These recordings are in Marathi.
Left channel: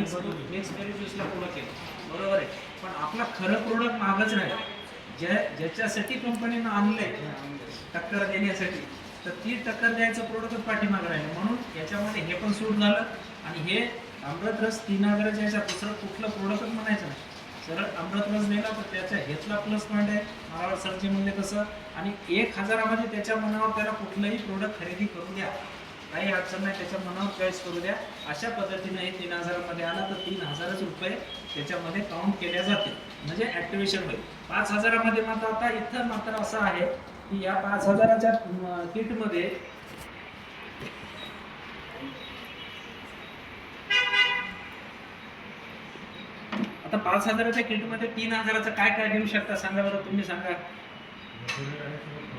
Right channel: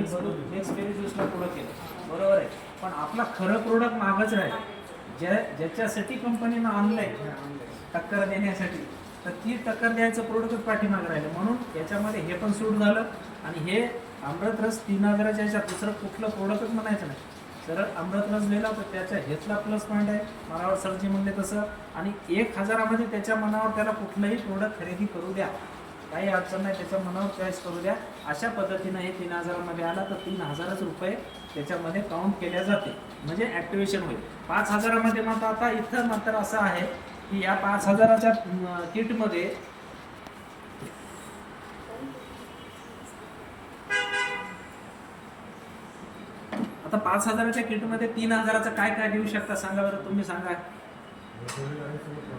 मिक्स बेरी ज्यूसला पुढं केलं, बरोबर आहे. पण आपला खरं प्रोडक्ट मागच राहील, ज्याच्यासाठी कंपनीनं आणलंय टक्कर देण्यासाठी, तर ती टक्कर द्यायचं प्रोडक्टच पाठीमागं राहिलं. म्हणून याच्यामध्ये हे पण सूट झालं. आणि हे अमृत रस 3000च्या ह्याच्यात दुसरं कुठलं प्रोडक्टच म्हणायचं नाही, सरळ अमृत रस दिला तर त्याच्या हेतला प्लस पॉईंट आहे. मनावर सरजी म्हणले तसं. आणि 1000मध्ये त्याच्या मनावर त्याला कुठलंही प्रोडक्ट खरेदी करू द्या, काही अडचण नाही, त्याच्या मनावर चॉईस करू द्या. अशा पद्धतीनं हे 3000मध्ये आला तर 3000च रुपये त्याच्यामध्ये काउंट केल्या जाते, म्हणजे ॲक्टिवेशन होईल. 5000मध्ये मात्र आता इथं मात्र असं आहे की या 5000च्या किटमध्ये आता 5000च्या किटमध्ये 3000चं काय काय देऊ शकता सांगा बरं, तुम्ही सांगा.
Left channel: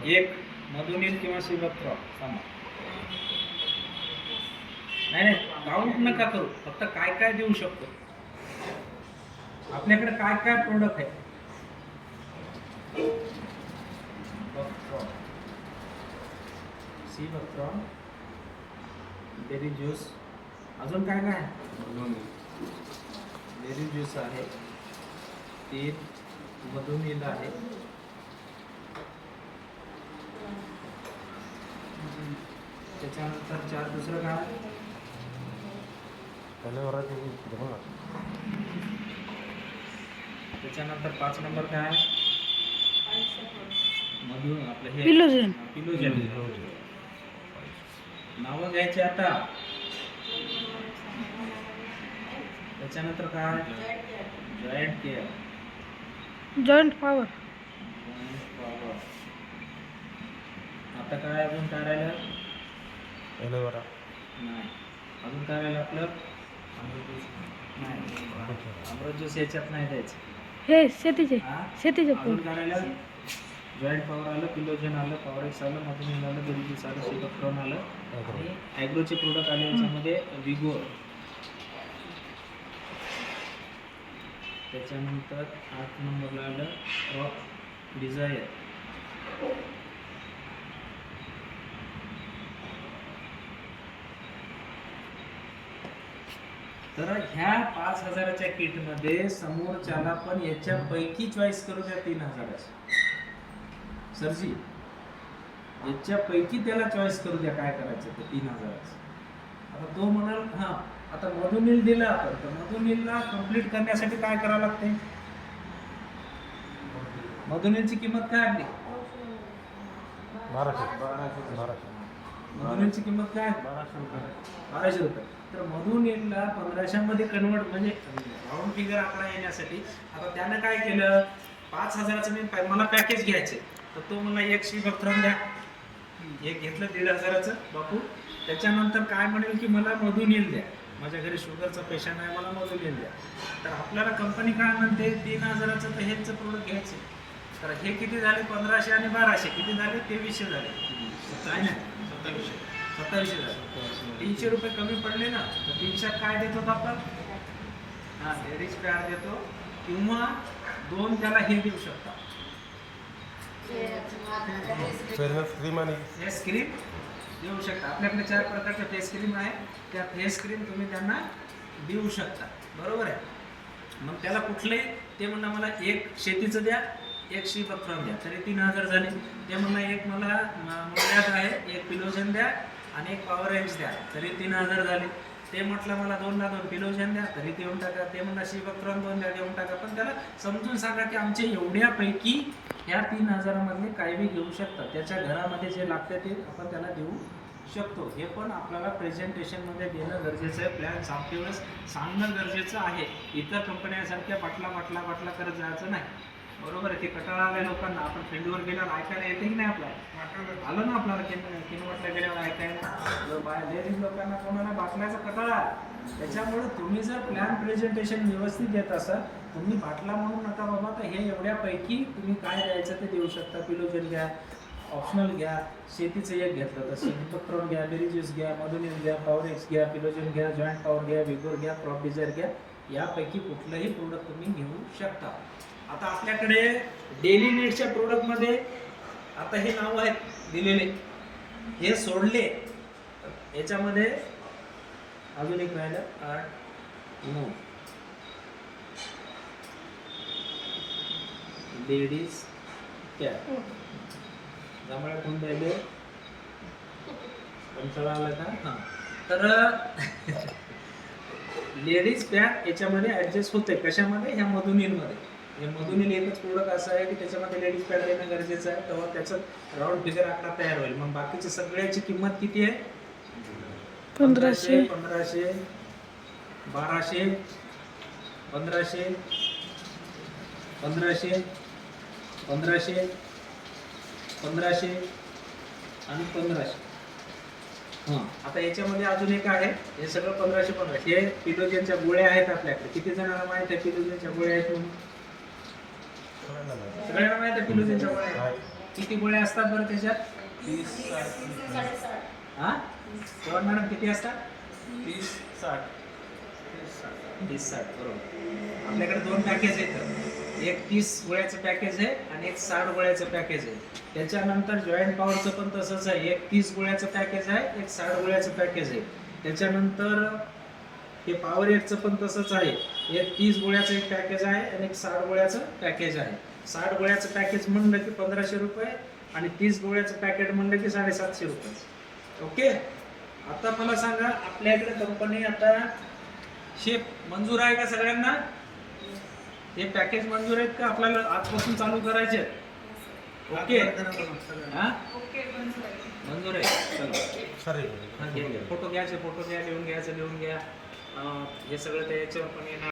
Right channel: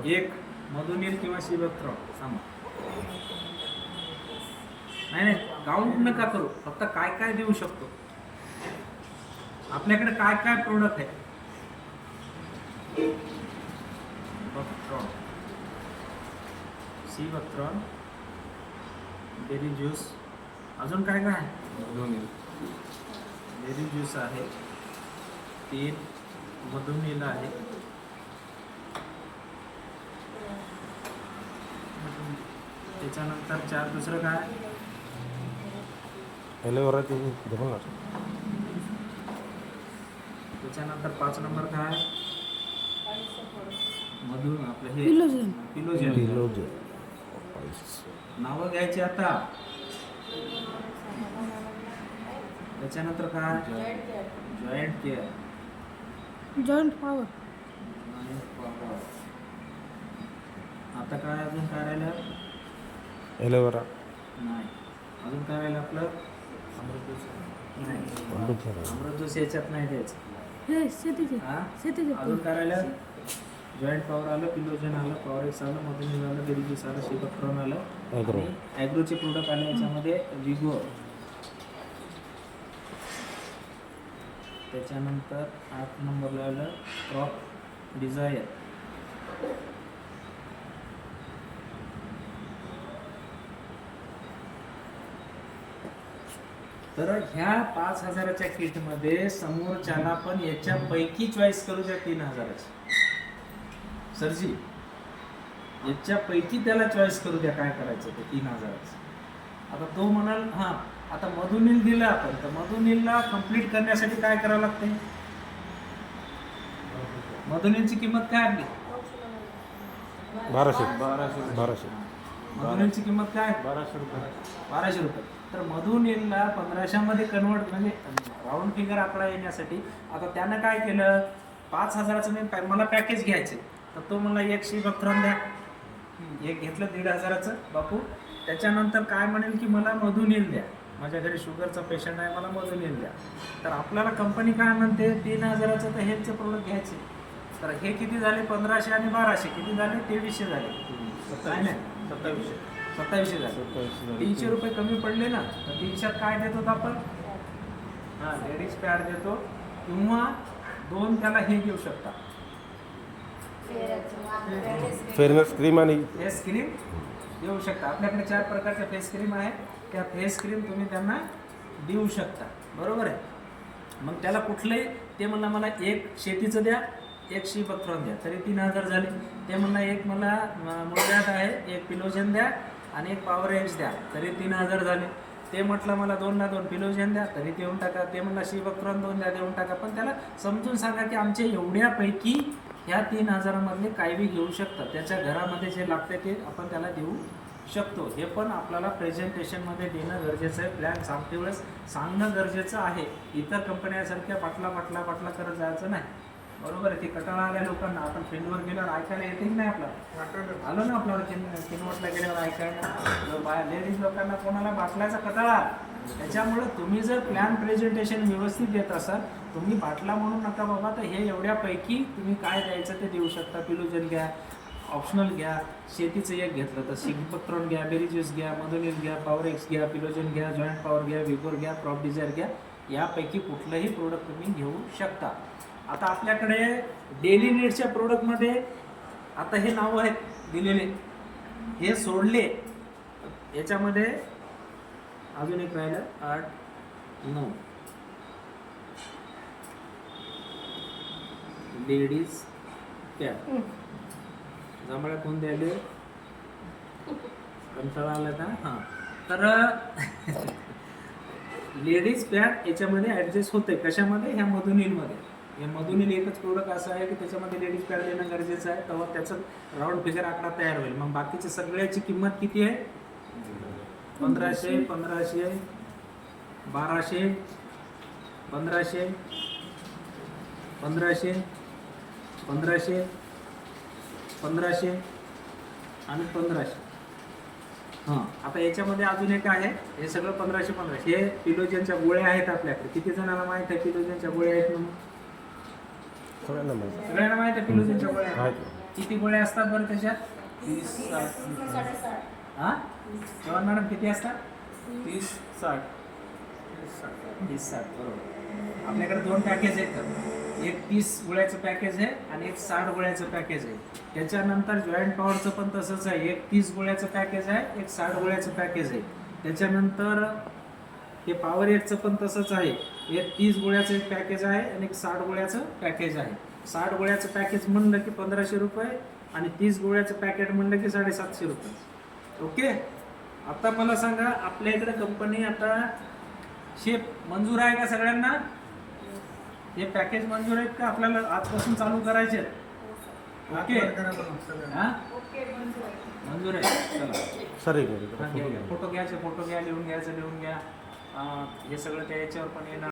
एक मधुनील किंवा शिवक्त्र सांगा. नाही काउंट नका करू, फक्त काय काय देऊ शकतो, आपल्याकडे काय काय प्रोडक्ट आहे. शिवक्त्रॉन, बेरी ज्यूस, अजून काय काय बेरी ज्यूस आहे, 3 मधुनील आहे, त्याच्यानंतर 4 दुसरं काय, त्याच्यानंतर 5 नंबर काय, मधु आपलं हे पिलोजन. नावं घ्यायची आता. त्याच्यानंतर काय, जॉईंट पॉवर. आता काय, अजून काय राहिलं, नाही अजून काय राहिलं आपलं, नाही अमृत ज्यूस याच्यात नाही द्यायचं. हे शेतीचे अजून काय राहिलं, जॉईंट पॉवर आलं, पिलोजन आलं, पॉवर एक्स आलं, मधुनील आलं, बेरी ज्यूस आलं, शिवक्त्रॉन आलं, आणि ॲग्रोचे प्रोडक्ट आले याच्यामध्ये विगो. त्याच्यानंतर 8 नंबरला आलं क्रॉप डिझायर. तर ह्या 5000च्या किटमध्ये समोरच्याला पण याच्यापैकी चॉईस करू द्या 3000ची. सरजी याच्यापैकी त्याला चॉईस करू द्या काय करायचं ते 3000च. आता तो म्हणाल हां आता मधुनील दिलं आपण, तर मधुनीलला कंप्लीट करण्यासाठी काय करावं लागतंय, मधुनीलची किंमत काय आपली 1200. मधुनीलची किंमत काय 1200 रुपये. तर मधुनीलला 1500मध्ये कन्वर्ट, म्हणजे राऊंड फिगर आकडा येण्यासाठी आता त्यानं काय केलं, 5000चं मी मला पॅकेज घ्यायचे, तर तो मला एक शिवक्त्रॉन द्या, एक घेतलं 1500चं बापू. त्याच्यानंतर काय म्हणेल की मला मधुनील द्या, माझ्या घरी शुगरचा पेशंट आहे, मला मधुनील द्या. तर आपल्याला कंपनी काय म्हणते 3000चं तर हेच प्रोडक्ट घ्यायचे. तर हे किती झाले, 1500 आणि 1200 किती झाले, 2300 झाले. काय नाही 2700 झाले. 300 रुपये कमी पडले ना, तर 300 काय देतो आपण, हां लेडीज पॅड देतो, किंवा 2 त्याला हे देऊ शकता, फेअरनेस क्रीम आणि फेस क्रीम देऊ शकता. आपल्याकडे 4 प्रकारच्या फेस क्रीम आहे, त्या फेस क्रीम तुम्ही त्यांना देऊ शकता, बरोबर आहे. मग त्याला कुठलंही, ते म्हणणं मला एक शेतीचं द्या, एक शिवक्त्रॉन द्या, तरी 3000 झाले. ते म्हणणं एक मला मुळव्याध आहे, एक पिलोजन द्या आणि एक पॉवर एक्स द्या, तरी 3000 झाले. ते म्हटलं मला 2ला 2 पिलोजन द्या, तरी देऊन टाका. ते म्हणलं शिवक्त्रॉन 2 द्या, देऊन टाका. पण त्याला समजून सांगा की आमचे एवढ्यापैकी ह्या 3000मधले काही बी घेऊ शकतात, त्याच्या घरामध्ये जे लागते ते आपण त्याला देऊ शकतो. हे पण आपल्याला प्रेझेंटेशनमध्ये देणं गरजेचं आहे, प्लॅन सांगते वेळेस सांगणं गरजेचं आहे. इतर कंपन्यासारख्या पाटला करत जायचं नाही, बरोबर आहे. ते कटाळा आल्या लोकांना, आपण फील्डवर गेल्यावर ऐकायला येते की नाही, आपल्याला आलं ना, आपल्याला किनवटला गेल्यावर ऐकायला लेडीज लोकांना कोणाला बाटल्याचा कटाळा. त्याच्यामुळे तुम्ही जर प्लॅन प्रेझेंटेशन व्यवस्थित देत असाल, तुम्ही बाटला म्हणून नका बाबा, तर हे एवढ्यापैकी तुम्ही काय द्यायचं ते देऊ शकता. पिलोजन घ्या, ऑप्शनल घ्या, शेतीचं एक घेतलं तर शिवक्त्रॉन घ्या, बेरी ज्यूस घ्या, मधुनील घ्या, पॉवर एक्स घ्या, पिलोजन घ्या, जॉईंट पॉवर घ्या, विगोर घ्या, क्रॉप डिझायर घ्या, यापैकी कुठलंही प्रोडक्ट तुम्ही घेऊ शकता. आता आपल्याकडे डेली नीड्सच्या प्रोडक्टमध्ये आता हे नाव आहेत दिलेले, हे सोडले याच्यामध्ये अजून एक राहिलं 8 नो लेडीज कॅप जांभळ्या कोण द्यायले कंटाळा आला का हां तर लेडीज पॅड याच्यामध्ये ॲडजस्ट होते कशामध्ये ह्या मधुनीलमध्ये हे मधुनील एकच प्रोडक्ट असं आहे की त्याच्यामध्ये लेडीज पॅड देणं गरजेचं आहे तेव्हा त्याचं राऊंड फिगर आकडा तयार होईल मग बाकीची सगळ्याची किंमत किती आहे 1500 1500 1200 1500 1500 1500 1500 आणि 1500 हां आता याच्यामध्ये अजून एक आहे हे सगळं 1500 1500 हे पिलोजनच्या गोळ्या आहेत आपल्याकडे किती जणांना माहित आहे पिलोजनच्या गोळ्या आहेत म्हणून सगळ्यांना मिळेल. सगळ्यांना माहित आहे पिलोजनच्या गोळ्या आहेत माहित. किती गोळ्या असतात बरं त्याच्यात 30 हां चव्हाण मॅडम किती असतात 30 60 30 60 बरोबर आपल्याकडे दोन पॅकेज आहेत एक 30 गोळ्याचं पॅकेज आहे आणि एक 60 गोळ्याचं पॅकेज आहे त्याच्यानंतर जॉईंट पॉवरचं पण तसंच आहे एक 30 गोळ्याचं पॅकेज आहे एक 60 गोळ्याचं पॅकेज आहे त्याच्यानंतर हे पॉवर एकचं पण तसंच आहे एक 30 गोळ्याचं एक पॅकेज आहे आणि एक 60 गोळ्याचं पॅकेज आहे 60 गोळ्याचं पॅकेज म्हणलं की 1500 रुपये आणि 30 गोळ्याचं पॅकेट म्हणलं की 750 रुपये ओके आता मला सांगा आपल्या इकडे कंपनी आता शेप मंजूर आहे का सगळ्यांना हे पॅकेज मंजूर आहेत का आपल्याला आजपासून चालू करायचे आहेत? ओके हा मंजूर आहे चला सर एक हा, घ्या, घ्या. फोटो घ्यायचे फोटो घ्या लिहून घ्यायचं लिहून घ्या हे सगळं त्या याच्यावर पण येणार